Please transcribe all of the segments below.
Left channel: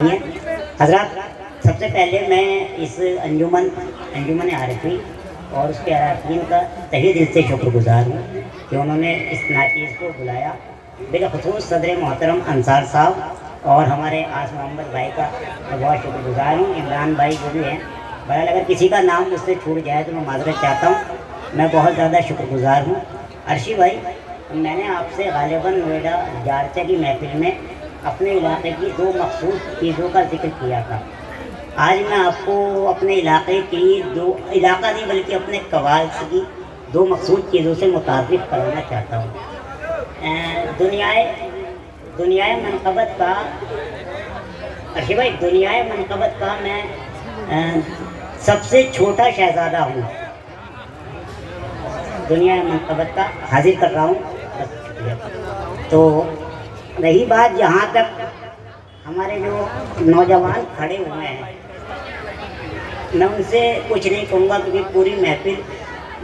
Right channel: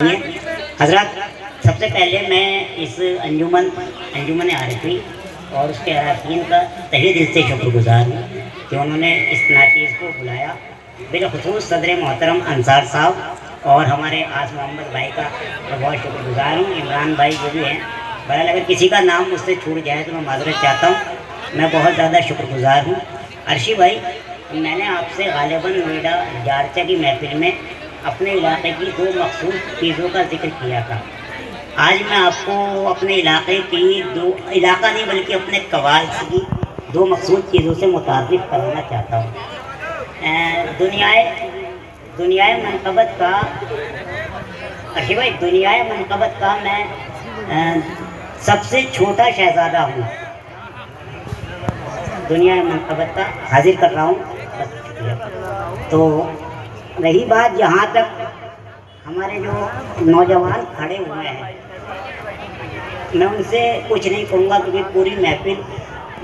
हजरत, सबसे पहले मैं इस अंजुमन आरिफी और उसके अरकान का तहे दिल से शुक्रगुजार हूँ कि उन्होंने इस नाचीज़ को बुलाया। बिलखुसूस सदर मोहतरम अंसार साहब और हमारे आस मोहम्मद भाई का मैं बहुत शुक्रगुजार हूँ। इमरान भाई जो भी हैं, बहरहाल अगर किसी का नाम मुझसे छूट जाए तो मैं माजरत चाहता हूँ। मैं बहुत ज़्यादा शुक्रगुजार हूँ। अर्शी भाई, मैंने आपसे गालिबन नोएडा जारचा की महफिल में अपने इलाके की दो मखसूस चीज़ों का जिक्र किया था। आज मैं आपको अपने इलाके की दो इलाका नहीं बल्कि अपने कवाल की दो मखसूस चीज़ों से मुतारिफ कराना चाहता हूँ। दुनियाए मनकबत का अर्शी भाई, दुनियाए मनकबत का मैं सबसे छोटा शहजादा हूँ। दुनियाए मनकबत का हाजिर कर रहा हूँ, बस शुक्रिया। तो रही बात यहाँ तक हमारे जो नौजवान खड़े हुए हैं, मैं उनसे कुछ नहीं कहूँगा क्योंकि पूरी महफिल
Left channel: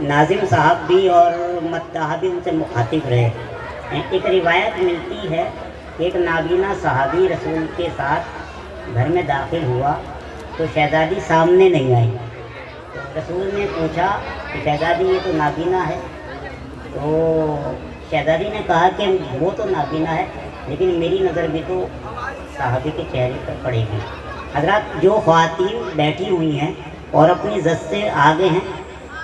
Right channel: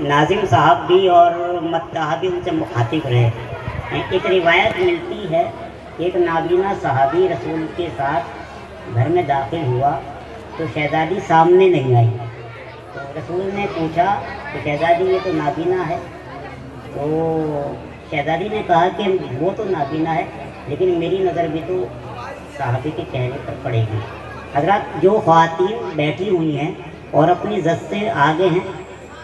नाजिम साहब भी और मद्दाह भी उनसे मुखातिब रहे। एक रिवायत मिलती है कि एक नाबीना सहाबी रसूल के साथ घर में दाखिल हुआ तो शहजादी सामने नहीं आई। तो रसूल ने पूछा कि शहजादी, ये तो नाबीना है। तो शहजादी ने कहा कि वो तो नाबीना है, लेकिन मेरी नज़र भी तो साहबी के चेहरे पर पड़ेगी। हज़रात, जो ख़वातीन बैठी हुई हैं और अपनी ज़द से आगे हैं,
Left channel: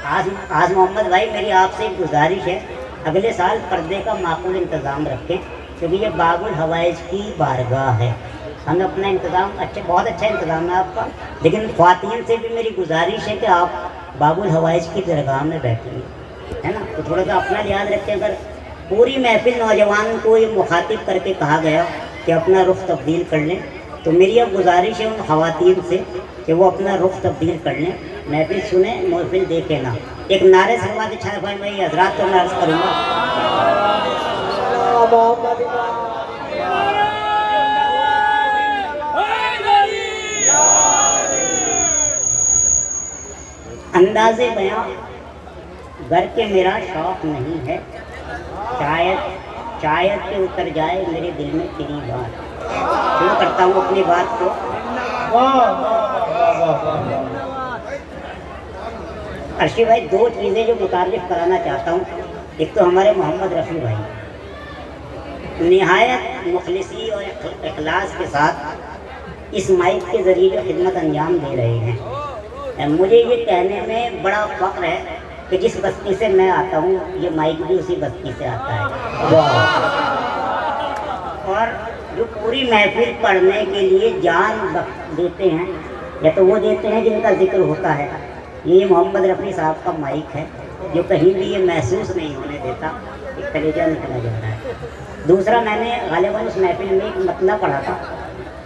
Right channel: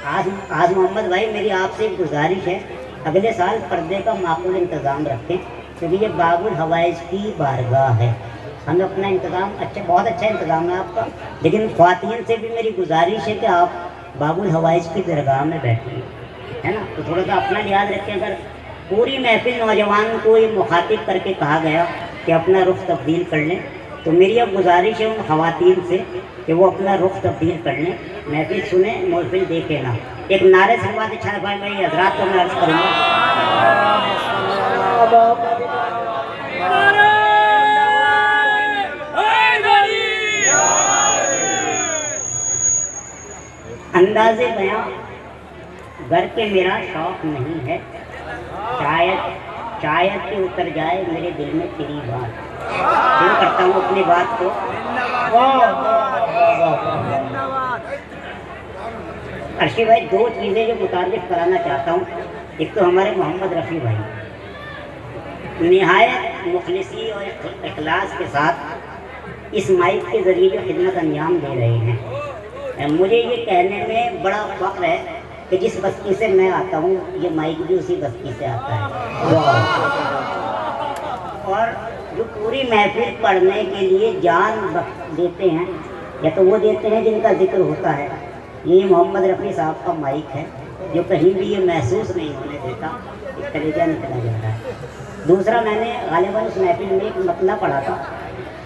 आज मोहम्मद भाई मेरी आपसे एक गुजारिश है, अगले साल पर्दे का माकूल इंतज़ाम रखें क्योंकि ये बाबुल हवाइज की बारगाह है। हमें अपना इंतज़ाम बहुत अच्छा इंतज़ाम है आपका, लेकिन ख़वातीन से भी मेरी गुजारिश है कि आप बाबुल हवाइज की दरगाह में बैठें, है ना। तो थोड़ा सा अपना लिहाज रखें। अगर पूरी महफिल नौजवान को ये मुखातिब करके कहा गया कि अपना रुख तब्दील कर लें, तो मेरी अब गुजारिश है उन ख़वातीन से कि वो अपना रुख तब्दील कर लें, महफिल सुने, महफिल देखे ना। एक नारे से बात अच्छा भाई हजरात को मैं अर्ज़ करूँगा। अंदाज़े बयां घर के मेरा शौक़ नहीं है, शायद कि उतर जाए मेरे दिल में तेरी बात। शुरू करता हूँ अपनी बात को। अर्शी भाई, दो चीज़ें जो मुतारिफ कराना चाहता हूँ। एक तो हमारे मोहम्मद रफ़ी भाई निहायत मुखलिसी और इखलास के साथ इस माइक के ज़रिए जो खिदमत अंजाम दे रहे हैं, मुझे ये कहने में बड़ा फ़ख्र है कि जिस बस्ती से मैं आता हूँ ये माइक भी उसी बस्ती से आता है। और जो पूरी महफिल पढ़ने के लिए जान देते हैं, या तो वो देते हैं जिनका जिक्र होता है। ये मोहम्मद रफ़ी साहब का माइक है जो कहीं भी ये महसूस नहीं होने देता एक कलेजा निकला जा रहा है। दूसरा, मैंने गालिबन उस महफिल में एक मतला पढ़ा था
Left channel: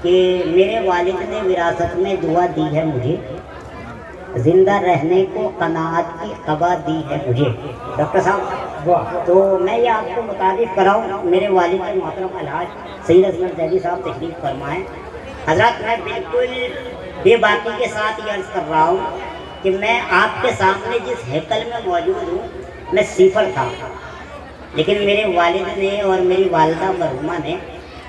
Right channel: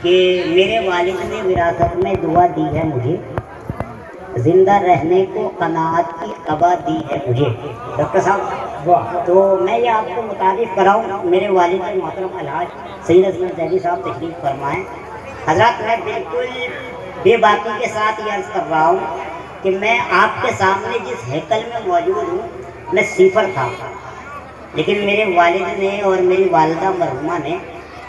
कि मेरे वालिद ने विरासत में दुआ दी है मुझे, जिंदा रहने को कनाअत की कबा दी है मुझे। डॉक्टर साहब, तो मैं ये आपको मुतारिफ कराऊँ, मेरे वालिद मोहतरम अलहाज सैयद अजमत ज़ैदी साहब तशरीफ़ फरमाएँ। हज़रात, मैं बिल्कुल बेबाकी के साथ ये अर्ज़ कर रहा हूँ कि मैं आपके सामने जिस हैकल में मौजूद हूँ, मैं सिफर था, लेकिन मेरे वालिद ने और मेरी वालिदा मरहुमा ने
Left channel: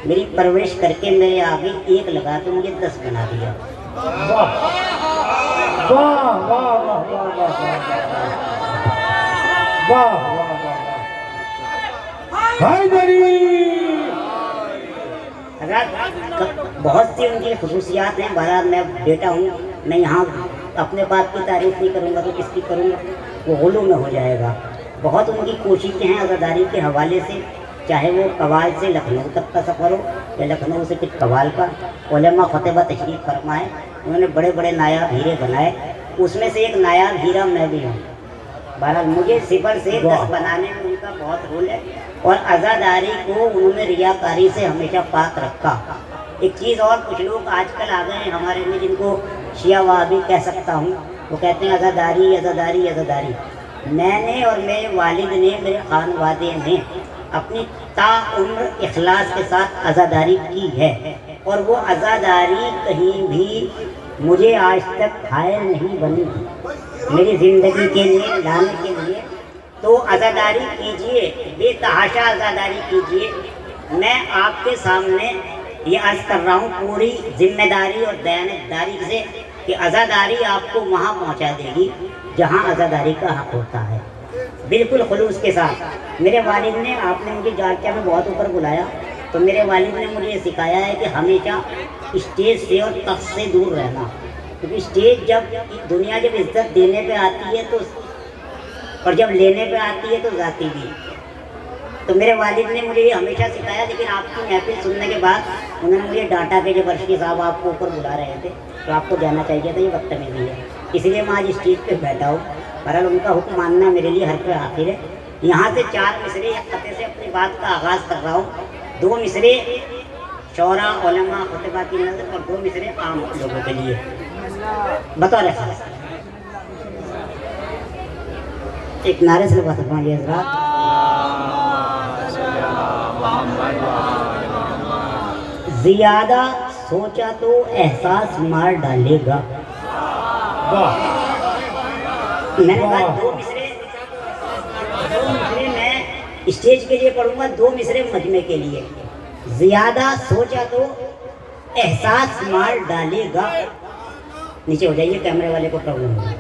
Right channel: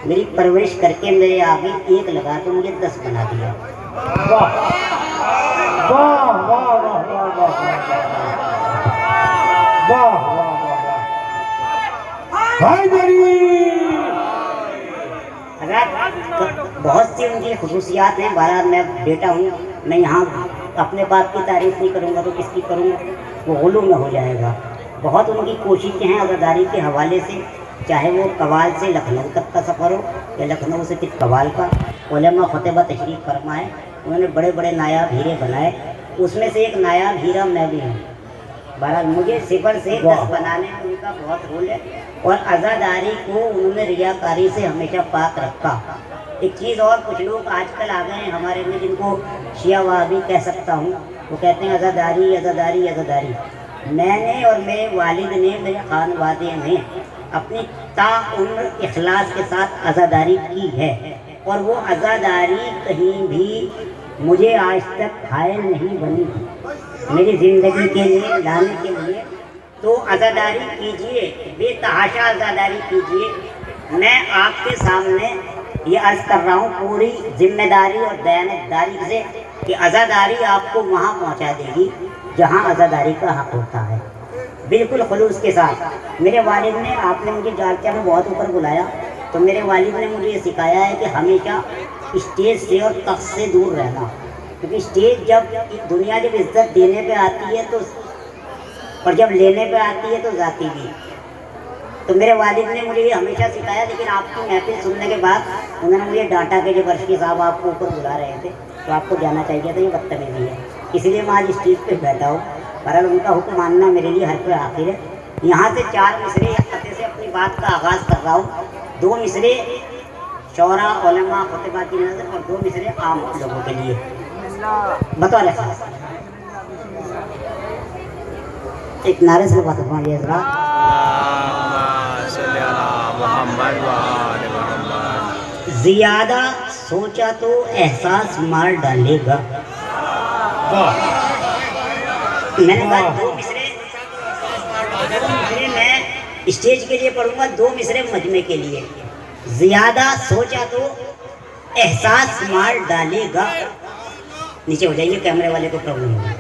मेरी परवरिश करके मेरे आगे एक लगा के मुझे 10 बना दिया। बहुत सी उनकी खुसूसियात हैं। बहरहाल मैं बेटा हूँ, मैं यहाँ अपने बात की तारीफ नहीं करूँगा तो किसकी करूँगा, वो गुलू में हो जाएगा। बहुत उनकी कोशिशें हैं अज़ादारी के हवाले से, चाहे वो कवाल से लखनऊ तक का सफ़र हो या लखनऊ से फिर कवाल का। उलमा ख़ुतबा तशरीफ़ फरमाए, उन्होंने बड़े बड़े नायाब हीरे बनाए, उसमें से एक नायाब हीरा मैं भी हूँ। बहरहाल मुझे सिफर से 10 बनाने में उनका बहुत रोल है और अज़ादारी को उन्होंने रियाकारी से हमेशा पाक रखा। एक चीज़ और, कुछ लोग आजकल आ गए हैं हमारे में जिनको शिया वहाबी कह सकता हूँ, वो कहते हैं अज़ादारी अज़ादारी अज़ादारी। मैंने और मेरे वालिद ने, मेरे खानवादे ने अपनी ताउम्र इखलास के साथ अज़ादारी की है और वो अज़ादारी कहीं भी मुझे आज तक घायल नहीं बनी मेरी ज़िंदगी के लिए लाने के लिए। तो अज़ादारी कीजिए, बेतहाशा अज़ादारी कीजिए। मैं आपके सामने ये अर्ज कर रहा हूँ पूरी जिम्मेदारी और दयानतदारी से कि आज़ादारी आपको वहाँ पहुँचा देगी जहाँ आज़ादारी का हक होता है, बिल्कुल खुलूस के साथ। मेरे वालिद ने, आपने मुझे जालचा में बहुत ऊपर बुलाया, तो मेरे वालिद ने मुझे ये सिखाया है कि हमेशा स्टेज से और तख्त से दूर रहना, क्योंकि स्टेज जब दुनिया जब इज्जत देने पे आती है तो, और जब लेने पे आती है तो जाती भी। तो मेरे वालिद ने मुझे ये हमेशा सिखाया, लेकिन आपकी महफिल सुनने के बाद उन्होंने मुझे डांटा कि जब अर्शी साहब आपको ऊपर बुला रहे थे तो आपको जाना चाहिए था, ये बदतमीजी है, इसलिए मैं आज स्टेज पे बैठा हूँ। बहरहाल उनका हुक्म मानना मेरे लिए हर पे आखिर है। यहाँ से 4 मिसरे खते से अपनी बात का आगाज़ कर रहा हूँ। 2 मिसरे शौरा उलमा खुतबा की नज़र और 2 मिसरे आम लोगों के लिए बतौर खास। एक नारे से बात फरमाइए हज़रात। ज़्यादा सोचा तो एहसास मार डालेगा। मैंने कहा 2 मिसरे मैं स्टेज के लिए पढ़ूंगा, 2 मिसरे मजमे के लिए। ज़्यादा सोचा तो एहसास मार डालेगा। नीचे हो जाइए, कैमरे वाले को प्रॉब्लम होगी।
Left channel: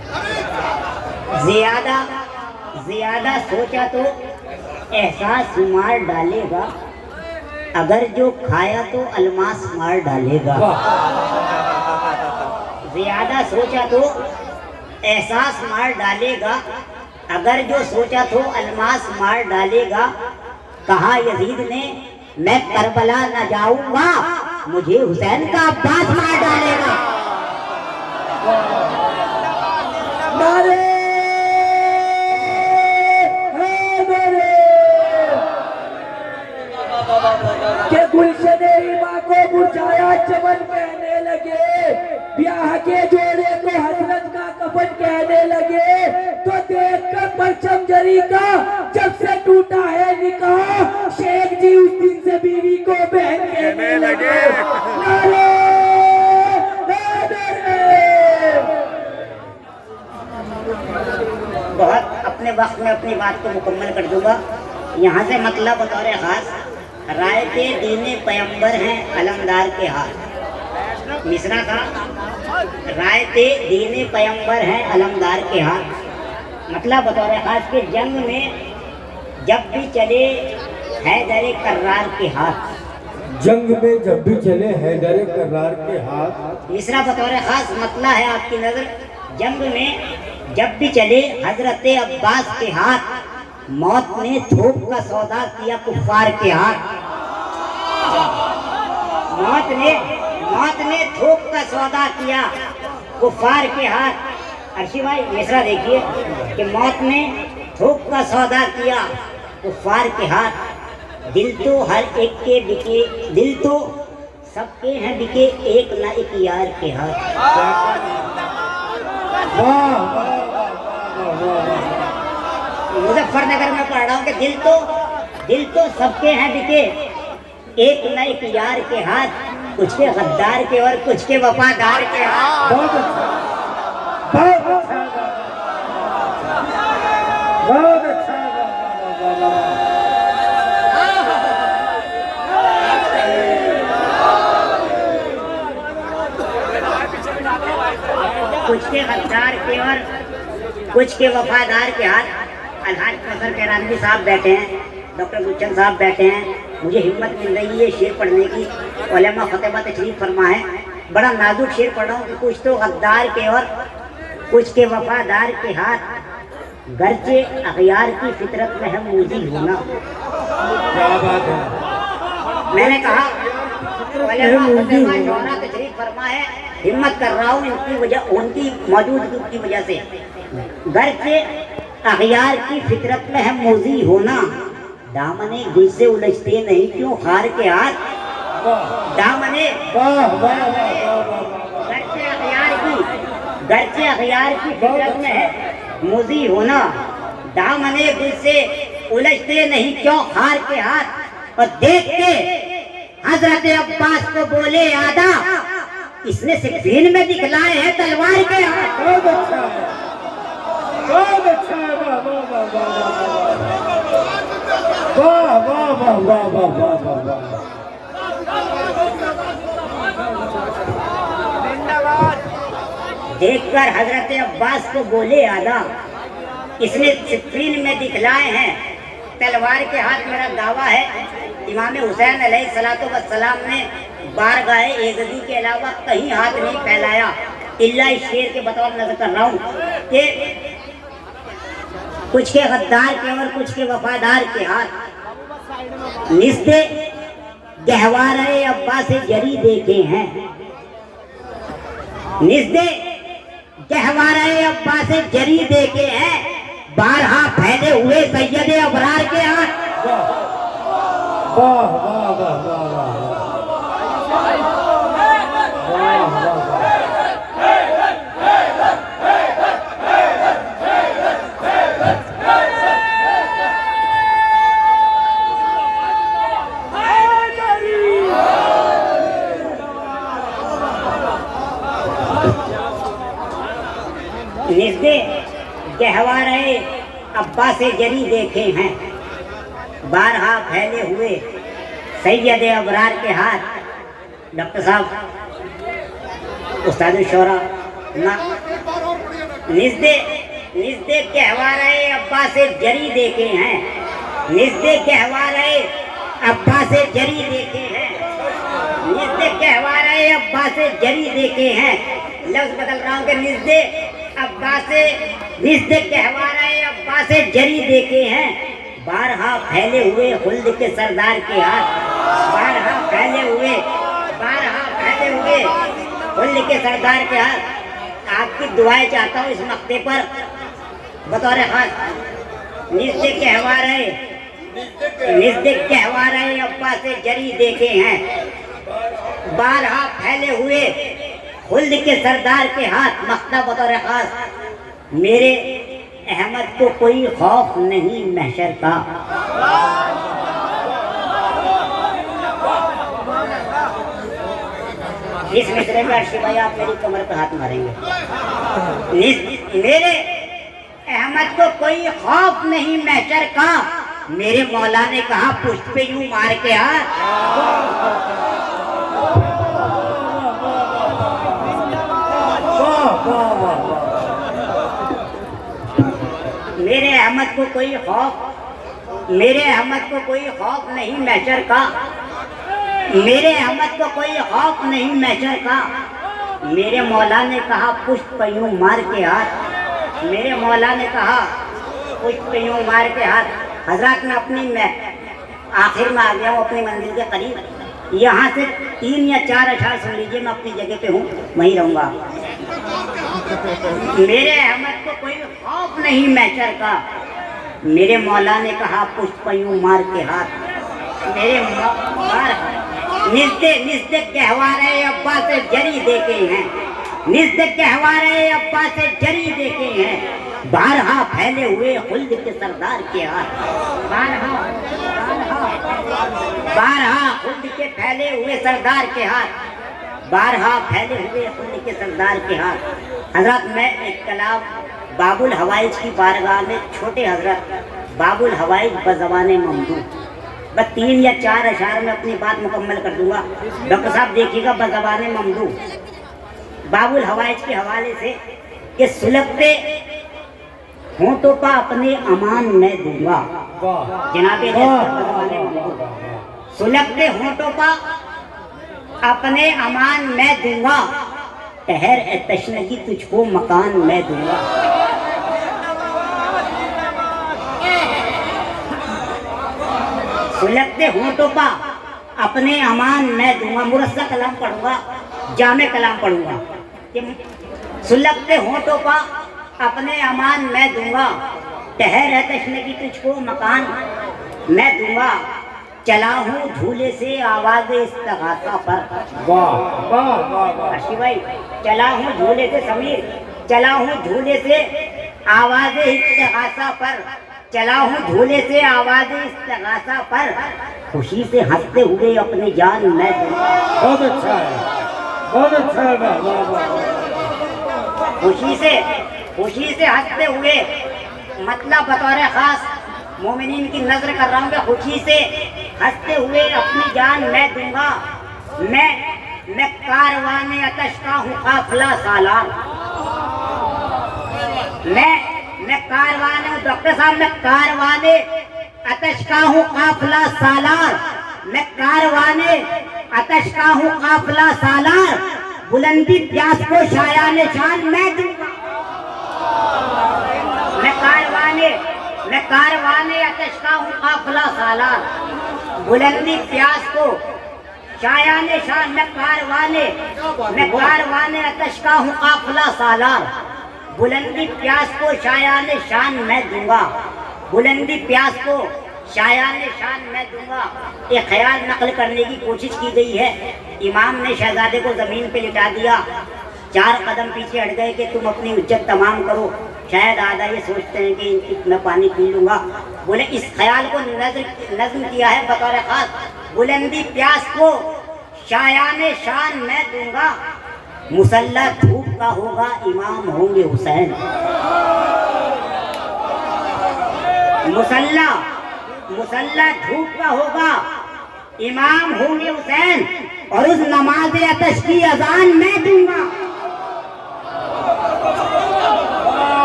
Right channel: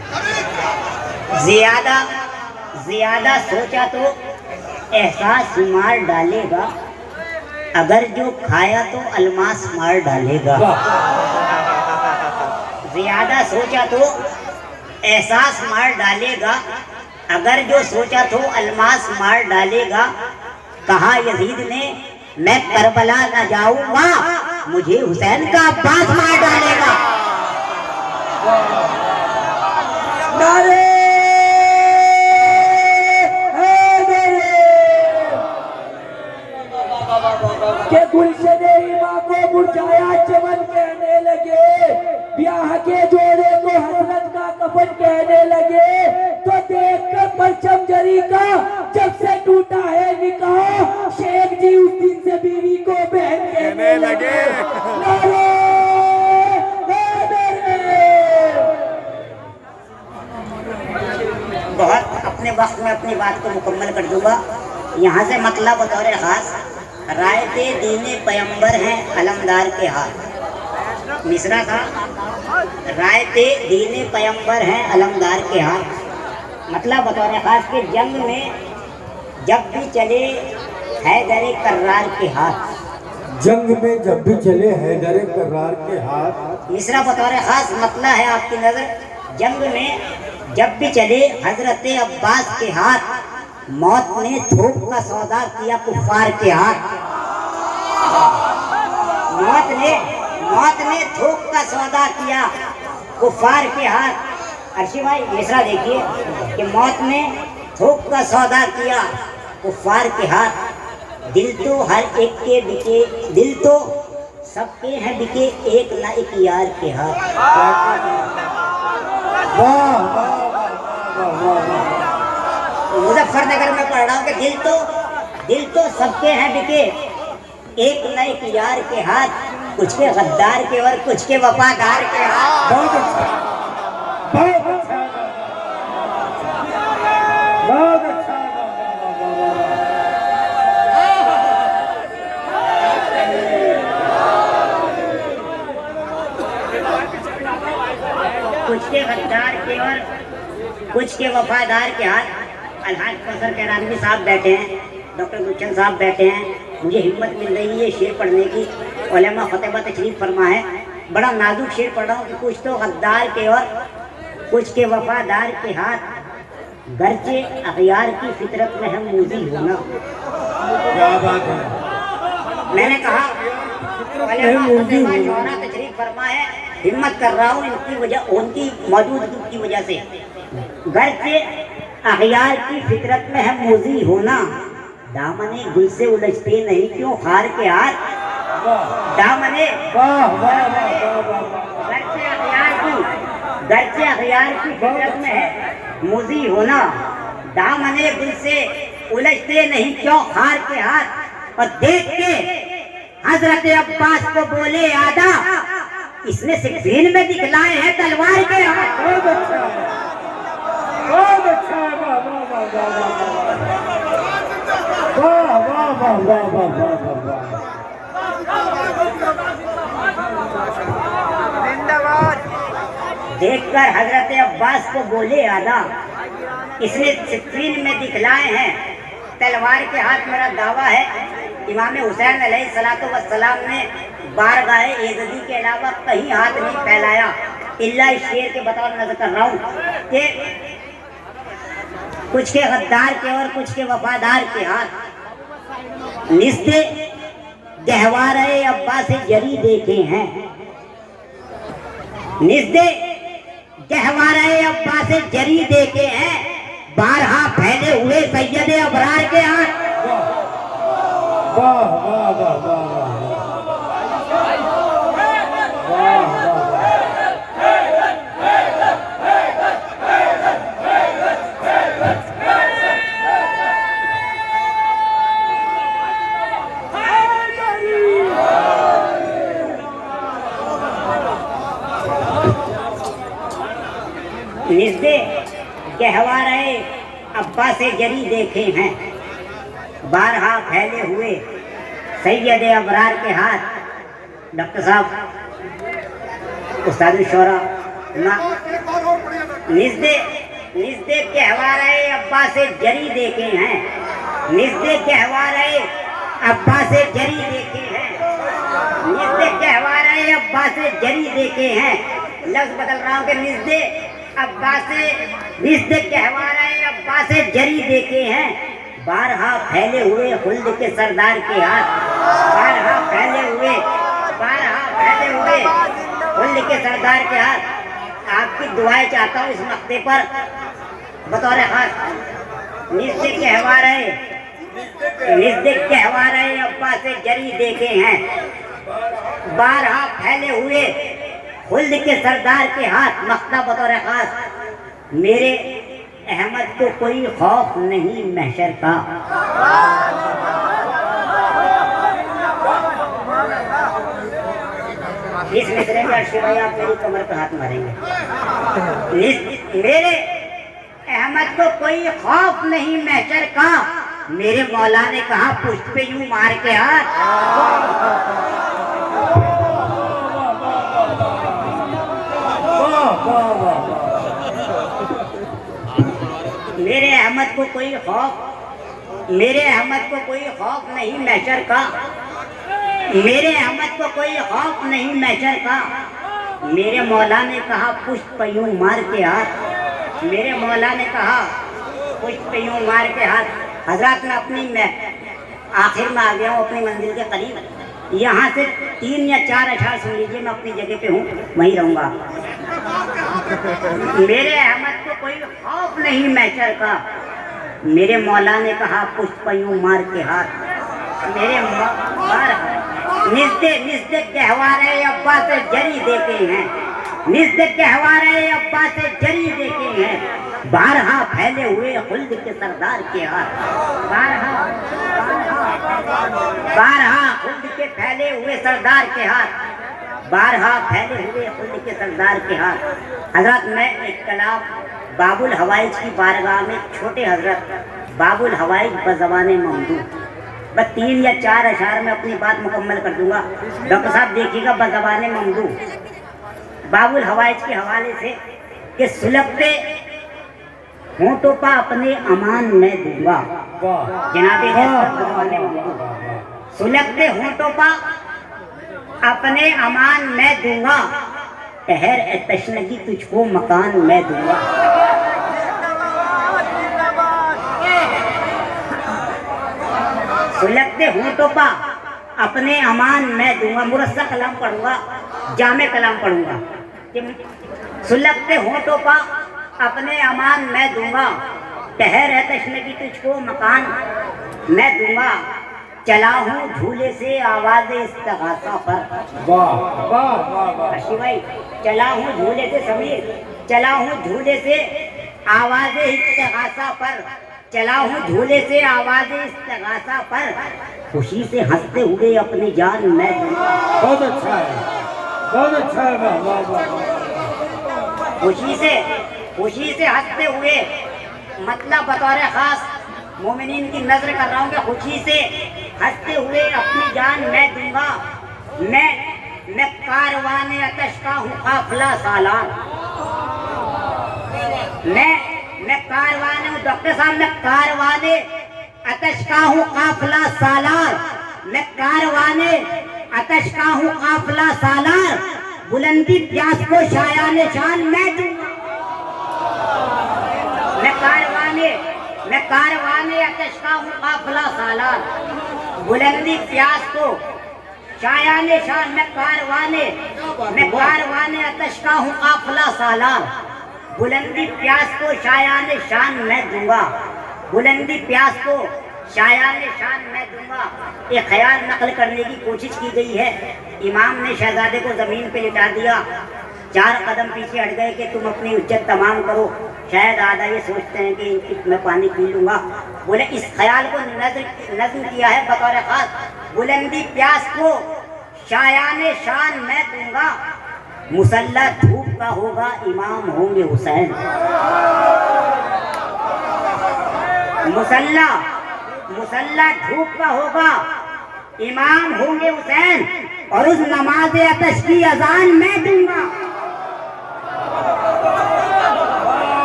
ज़्यादा सोचा तो एहसास मार डालेगा, अगर जो खाया तो अलमास मार डालेगा। ज़्यादा सोचा तो एहसास मार डालेगा, अगर जो सोचा तो अलमास मार डालेगा। कहा यजीद ने मैं करबला न जाऊंगा, मुझे हुसैन का अब्बास मार डालेगा। नारे के गुलशने इमा को मुरझाया चमन कहने लगे, ब्याह के जोड़े को हसरत का कफन कहने लगे। तो देखकर परचम जरी का जब से टूटा है निकाह, शेख जी उस दिन से बीवी को बहन कहने लगे। नारे बहुत अपने वक्त में अपनी बात को मुकम्मल कर दूंगा। यहाँ से मतलब बतौर खास, रायते दीने पैगंबर हैं अलमदार के हाथ। मिसरा था रायते दीने पैगंबर हैं अलमदार के हाथ। मतलब बतौर खास के जंग में जब भी चले हैदर कर्रार के हाथ। जंग में जब भी चले हैदर कर्रार के हाथ। मिसरा बतौर खास मतला है आपकी नजर, जंग में जब भी चले हजरत अब्बास के हाथ, मौत ने थोक का सौदा किया कुफार के हाथ। मौत ने थोक का सौदा किया कुफार के हाथ। अर्शी भाई मिसरा देखिए कि मौत ने थोक का सौदा किया कुफार के हाथ। दिल तो हर एक के बिके, दिल तो सबके हैं बिके, एक ना एक यार के हाथ। मुजफ्फरनगर में पढ़ रहा हूँ कि दिल तो सबके हैं बिके, एक न एक यार के हाथ। कुछ के गद्दार के और कुछ के वफादार के हाथ। बहुत अच्छा, बहुत अच्छा, बहुत अच्छा। कुछ के गद्दार के और कुछ के वफादार के हाथ। अलहाज कौसर कैरानवी साहब बैठे हैं, डॉक्टर गुलशन साहब बैठे हैं, मुझे हिम्मत मिल रही है शेर पढ़ने की। उलेमा फतेमा तशरीफ फरमा है, बड़ा नाजुक शेर पढ़ रहा हूँ कि कुछ तो गद्दार के और कुछ के वफादार के हाथ। गर्चे अखियार की फितरत में है मूजी होना। क्या बात है। मैंने कहा तशरीफ फरमा है, हिम्मत कर रहा हूँ इनकी वजह, उनकी मौजूदगी की वजह से। गर्चे अखियार की फितरत में है मूजी होना, दामने गुल से उलझते नहीं क्यों हार के हाथ। दामने गर्चे अखियार की फितरत में है मूजी होना, दामने गुल से उलझते नहीं क्यों हार के हाथ। और देख के हजरत अब्बास को बोले आदा, इसने सिक्कीन में दिखलाए हैं तलवार के हाथ। बहुत अच्छा, बहुत अच्छा। वाह वाह वाह वाह वाह वाह वाह वाह। देखकर हजरत अब्बास को बोले आदा, इसने सिफ़ीन में दिखलाए हैं तलवार के हाथ, मेरा दावा है इमाम हुसैन अलैहिस्सलातु वस्सलाम ने बारगाह एज़दी के अलावा कहीं हाथ नहीं फैलाया, इल्ला इस शेर के बतौर नजर कर रहा हूँ कि कुछ के गद्दार के और कुछ के वफादार के हाथ निस्ते गहवारे अब्बा से जरी देखे हैं, निस्ते गहवारे अब्बा से जरी देखे हैं, बारहा फैले हुए सैयद अबरार के हाथ। वाह वाह वाह वाह निस्बे गहवारे अब्बा से जरी देखे हैं, बारहा फैले हुए सैयद अबरार के हाथ। डॉक्टर साहब उस्ताद शौरा निस्बे गहवारे अब्बा से जरी देखे हैं, निस्बे गहवारे अब्बा से जरी देखे हैं, निस्बे गहवारे अब्बा से जरी देखे हैं। लफ्ज बदल रहा हूँ कि निस्बे अब्बा से, निस्बे गहवारे अब्बा से जरी देखे हैं, बारहा फैले हुए खुल्द के सरदार के हाथ, बारहा फैले हुए खुल्द के सरदार के हाथ। आपकी दुआएं चाहता हूँ इस मक्ते पर बतौर खास। निस्बे गहवारे अब्बा से जरी देखे हैं, बारहा फैले हुए खुल्द के सरदार के हाथ। मक्ता बतौर खास, मेरे अहमद को कोई खौफ नहीं महशर का, इस मिसरे में अर्शी भाई आप मेरी कमर पे हाथ मारेंगे। मेरे अहमद को कोई खौफ नहीं महशर का, मेरे मौला ने कहा पुष्प पे यूं मार के हाथ। मेरे अहमद को कोई खौफ, मेरे अहमद को कोई खौफ नहीं महशर का, मेरे अहमद को कोई खौफ नहीं महशर का, मेरे मौला ने कहा पुष्प यूं मार के हाथ, मेरे मौला ने कहा पुष्प यूं मार के हाथ। हजरत मैं अपनी आखिर में आ गया हूँ अपनी मंजिल के करीब। यहाँ से 3 या 4 अशार सुन लीजिए, मैं अपनी जगह पे हूँ, वहीं रहूँगा। मेरे अहमद को कोई खौफ नहीं महशर का, मेरे मौला ने कहा पुष्प यूं मार के हाथ। मेरे निस्बे गहवारे अब्बा से जरी देखे हैं, निस्बे गहवारे अब्बा से जरी देखे हैं, बारहा फैले हुए खुल्द के सरदार के हाथ, बारहा खुल्द के फैले हुए सरदार के हाथ, बारहा फैले हुए खुल्द के सरदार के हाथ। हजरत मैं एक कलाम बाबुल हवाइज की बारगाह में, छोटे हजरत बाबुल हवाइज बज़बाने ममदू, बस 3 या 4 अशार में अपनी बात मुकम्मल कर दूंगा। डॉक्टर साहब देखिएगा बज़बाने ममदू बाबुल हवाइज के हवाले से कि सुलगते होंठों का अपने अमान मैं दूंगा। जनाबे बज़बाने ममदू, सुलगते होंठों का अपने अमान मैं दूंगा, ठहर ए तशनगी तुझको मकान मैं दूंगा। सुलगते होंठों का अपने अमान मैं दूंगा। मुरस्सा कलाम पढ़ूंगा, जामे कलाम पढ़ूंगा कि सुलगते होंठों का अपने अमान मैं दूंगा, ठहर है तशनगी तुझको मकान मैं दूंगा। चला हूँ झूले से आवाज़ इस्तग़ासा पर, वाह वाह वाह अर्शी भाई, चला हूँ झूले से, समीर चला हूँ झूले से आवाज़ इस्तग़ासा पर, चला हूँ झूले से आवाज़ इस्तग़ासा पर, खुशी से हंसते हुए अपनी जान मैं दूंगा। बहुत अच्छा है, बहुत अच्छा है, वाह वाह वाह। खुशी से हंसते हुए, मतलब बतौर खास मोमिनीन की नजर कर रहा हूँ कि खुशी से हंसते हुए अपनी जान मैं दूंगा। मैं कारवाने अतश का हूँ काफिला सालार, मैं कारवाने हूँ डॉक्टर साहब, मैं कारवाने अतश का हूँ काफिला सालार, मैं कारवाने अतश का हूँ काफिला सालार, बुलंदी प्यास को शायान शान मैं दूंगा। मैं कारवाने अतश का हूँ काफिला सालार, बुलंदी प्यास को शायान शान, मैं कारवाने अतश का हूँ काफिला सालार, बुलंदी प्यास को शायान शान मैं दूंगा, बुलंदी प्यास को शायान शान मैं दूंगा। एक ख्याल नकल करने की कोशिश की गई है। इमाम ने शहजादे को जमीन पे लिटा दिया, 4 कदम पीछे हट गए कि तुम अपनी इज्जत तमाम करो। शायद आधा ये सोचते हैं कि मैं पानी पी लूंगा। बोले इस ख्याल को नज्म किया है बतौर खास, बुलंदी प्यास को शायान शान मैं दूंगा, मुसल्ला धूप का होगा इमाम होंगे हुसैन। मुसल्ला धूप का होगा इमाम होंगे हुसैन, और उस नमाज अतश की अजान मैं दूंगा।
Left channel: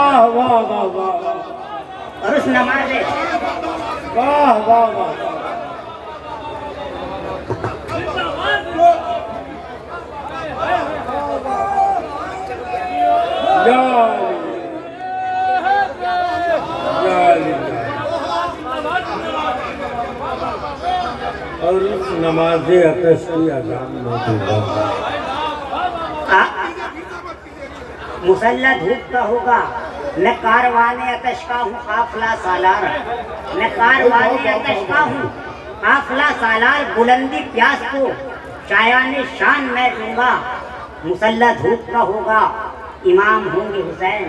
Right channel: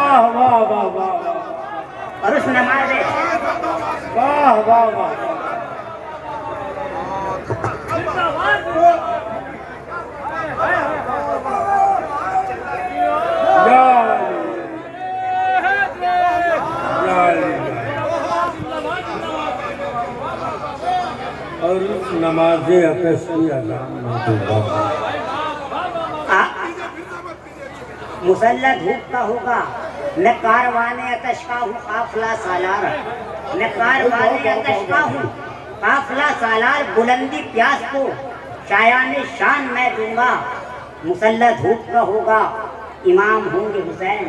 वाह वाह वाह वाह, और उस नमाज वाह वाह वाह, और उस नमाज अतश की अजान में दूंगा। मुसल्ला धूप का होगा, मैं कारवाने अतश का हूँ काफिला सालार, मैं कारवाने अतश का हूँ काफिला सालार, बुलंदी प्यास को शायान शान मैं दूंगा, मुसल्ला धूप का होगा इमाम होंगे हुसैन,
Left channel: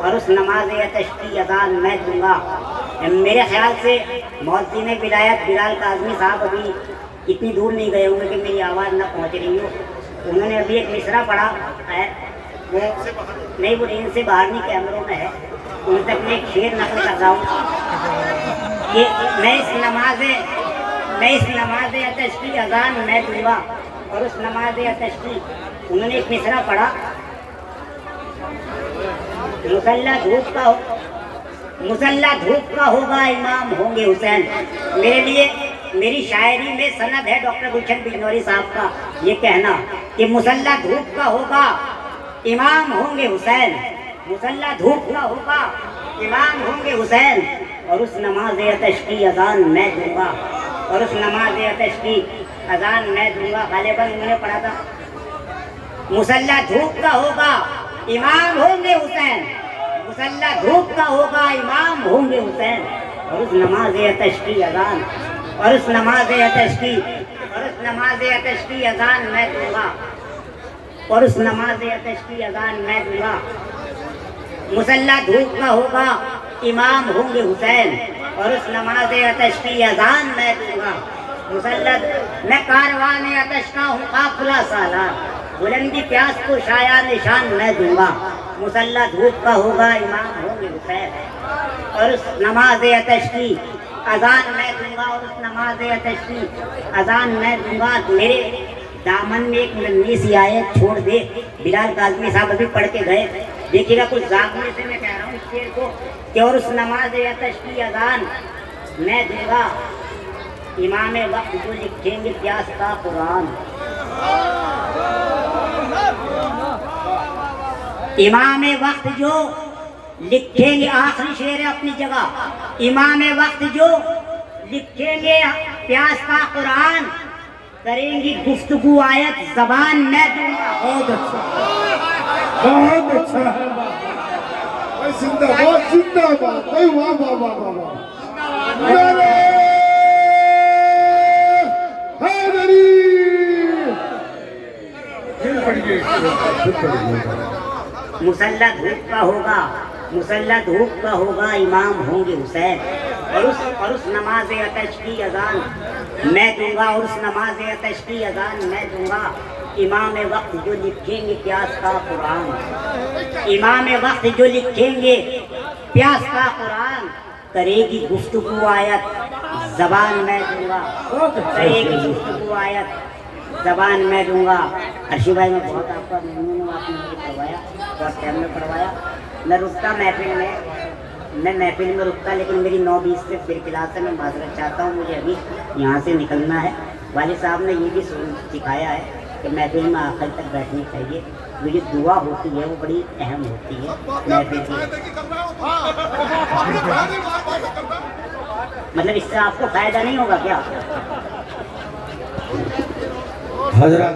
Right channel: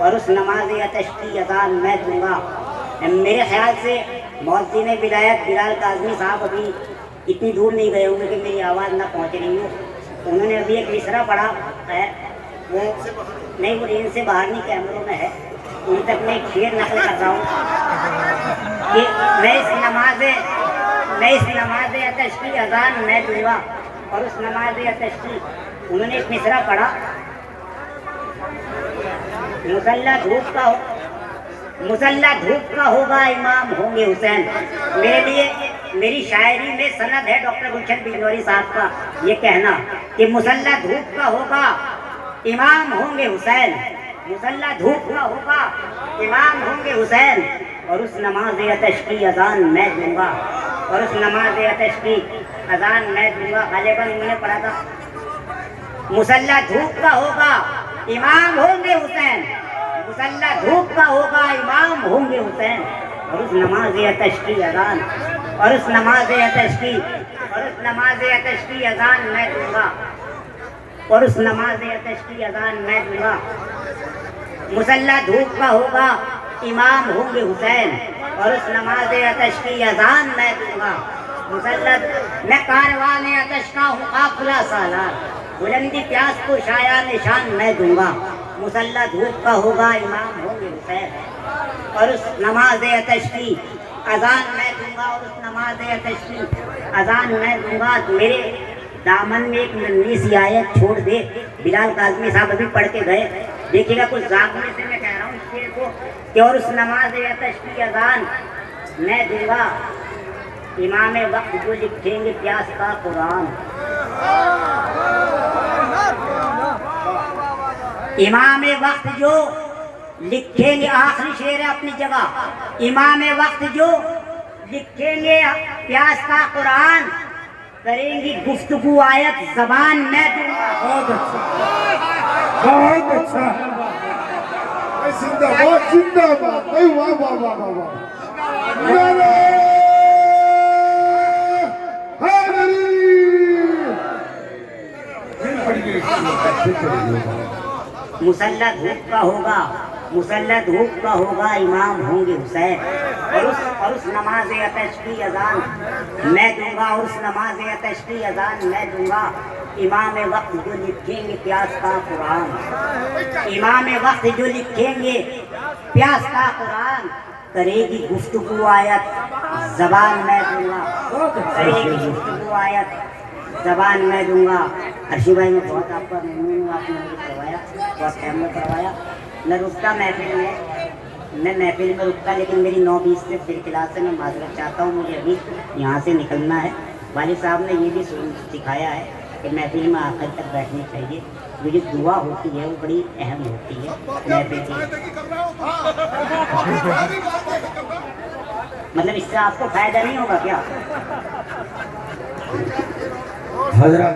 और उस नमाज अतश की अजान मैं दूंगा। मेरे ख्याल से मौज़िन विलायत बिलाल काज़मी साहब अभी इतनी दूर नहीं गए होंगे कि मेरी आवाज़ ना पहुँच रही हो। उन्होंने अभी एक मिसरा पढ़ा है, वो नहीं, वो इनसे बाहर नहीं, कैमरों में है, उन तक मैं शेर नकल कर रहा हूँ कि मैं इस नमाज अतश की अजान मैं दूंगा, और उस नमाज अतश की उन्होंने एक मिसरा पढ़ा, मुसल्ला धूप का होगा इमाम होंगे हुसैन। मेरे लिए मेरी शायरी में सनद है डॉक्टर गुलशन बिजनौरी साहब का ये कहना कि मुसल्ला धूप का होगा इमाम होंगे हुसैन, मुसल्ला धूप का होगा इमाम होंगे हुसैन, और उस नमाज अतश की अजान मैं दूंगा, और उस नमाज अतश की अजान मैं दूंगा। गालिबन उन्होंने पढ़ा था मुसल्ला धूप का होगा इमाम होंगे हुसैन, मुसल्ला धूप का होगा इमाम होंगे हुसैन, और उस नमाज अतश की अजान, और उस नमाज अतश की अजान मैं दूंगा, और उस नमाज अतश की अजान मैं दूंगा। मुसल्ला धूप का होगा इमाम होंगे हुसैन, और उस नमाज अतश की अजान मैं दूंगा। मुसल्ला मैं कारवाने अतश का हूँ काफिला सालार, बुलंदी प्यास को शायान शान मैं दूंगा, मुसल्ला धूप का होगा इमाम होंगे हुसैन, और उस नमाज अतश की अजान मैं दूंगा, और उस नमाज अतश की अजान मैं दूंगा। मेरे दामन में एक नन्ही सी आयत छोड़ दे, बिलाल काज़मी साहब अभी पढ़ के गए, देखिएगा कुछ जागने से मैं कह रहा हूँ शेर को कि और उस नमाज अतश की अजान मैं दूंगा, इमाम वक्त जो लिखेंगे प्यास का कुरान, इमाम वक्त जो लिखेंगे, आखिरी शेर है अपनी जगह, इमाम वक्त जो लिखेंगे प्यास का कुरान, करेंगी गुफ्तगू आयत जबान मैं दूंगा। बहुत अच्छा, बहुत अच्छा है, जिंदाबाद जिंदाबाद, वाह वाह वाह वाह वाह, मुसल्ला धूप का होगा, मुसल्ला धूप का होगा इमाम होंगे हुसैन, और उस नमाज अतश की अजान मैं दूंगा, और उस नमाज अतश की अजान मैं दूंगा। इमाम वक्त जो लिखेंगे प्यास का कुरान, इमाम वक्त जो लिखेंगे प्यास का कुरान, करेगी गुफ्तगू आयत जबान मैं दूंगा, करेगी गुफ्तगू आयत जबान मैं दूंगा। अर्शी भाई मैं बहुत आपका मेहमान हूँ, आपने मुझे पढ़वाया, बहुत टाइम में पढ़वाया। मैं रुकता महफिल में, मैं महफिल में रुकता, लेकिन मेरी 9:20 से फिर क्लास है। मैं माजरत चाहता हूँ, मुझे अभी यहाँ से निकलना है। वालिद साहब ने ये भी सिखाया है कि महफिल में आखिर तक बैठनी चाहिए। वो जो दुआ होती है वो बड़ी अहम होती है महफिल की। मतलब इससे आपको फायदा नहीं होगा क्या? हजरत